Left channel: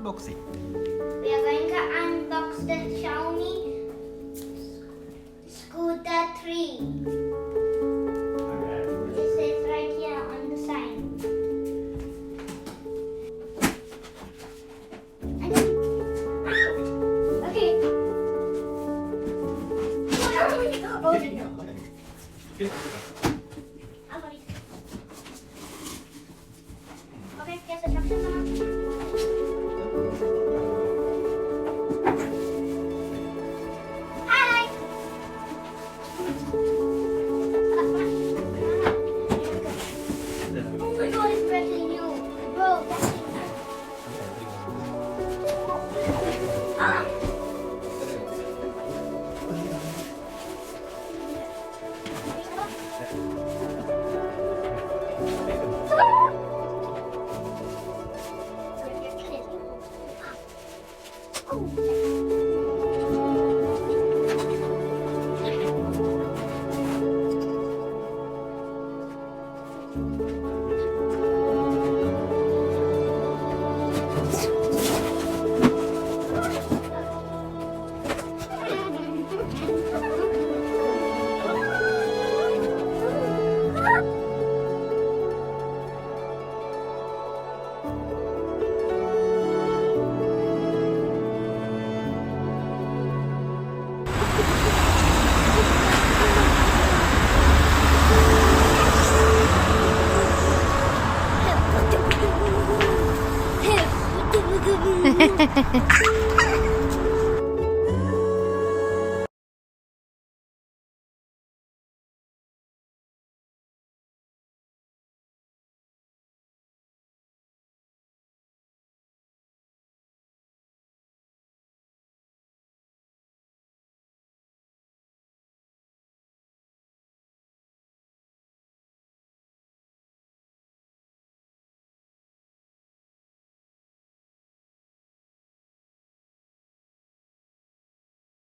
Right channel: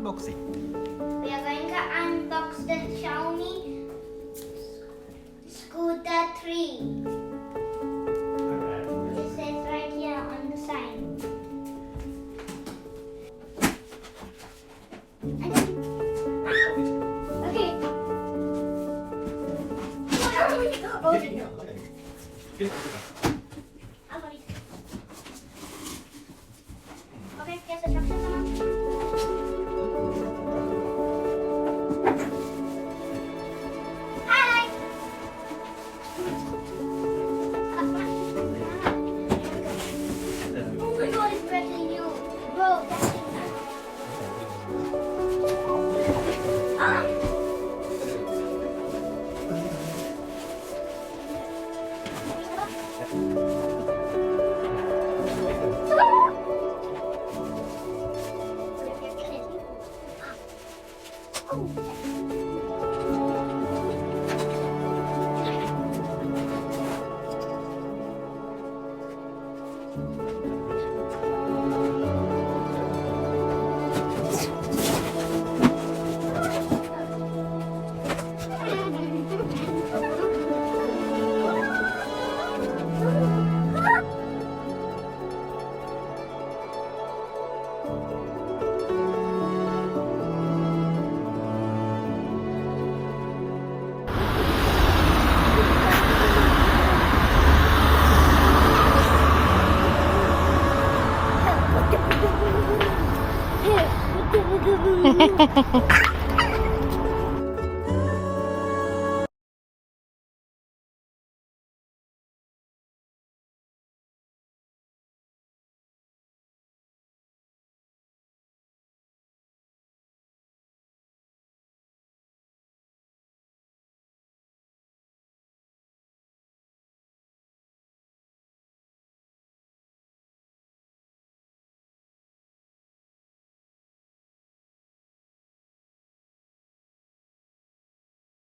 unboxing. We are going to unbox the Xiaomi Scooter 3. Alright. It says right here on the side. Okay. Oh, no. Okay, here's the instructions now. Hi! Oh my god, it's breaking you. Bro, that's it. Ah! Hehehehe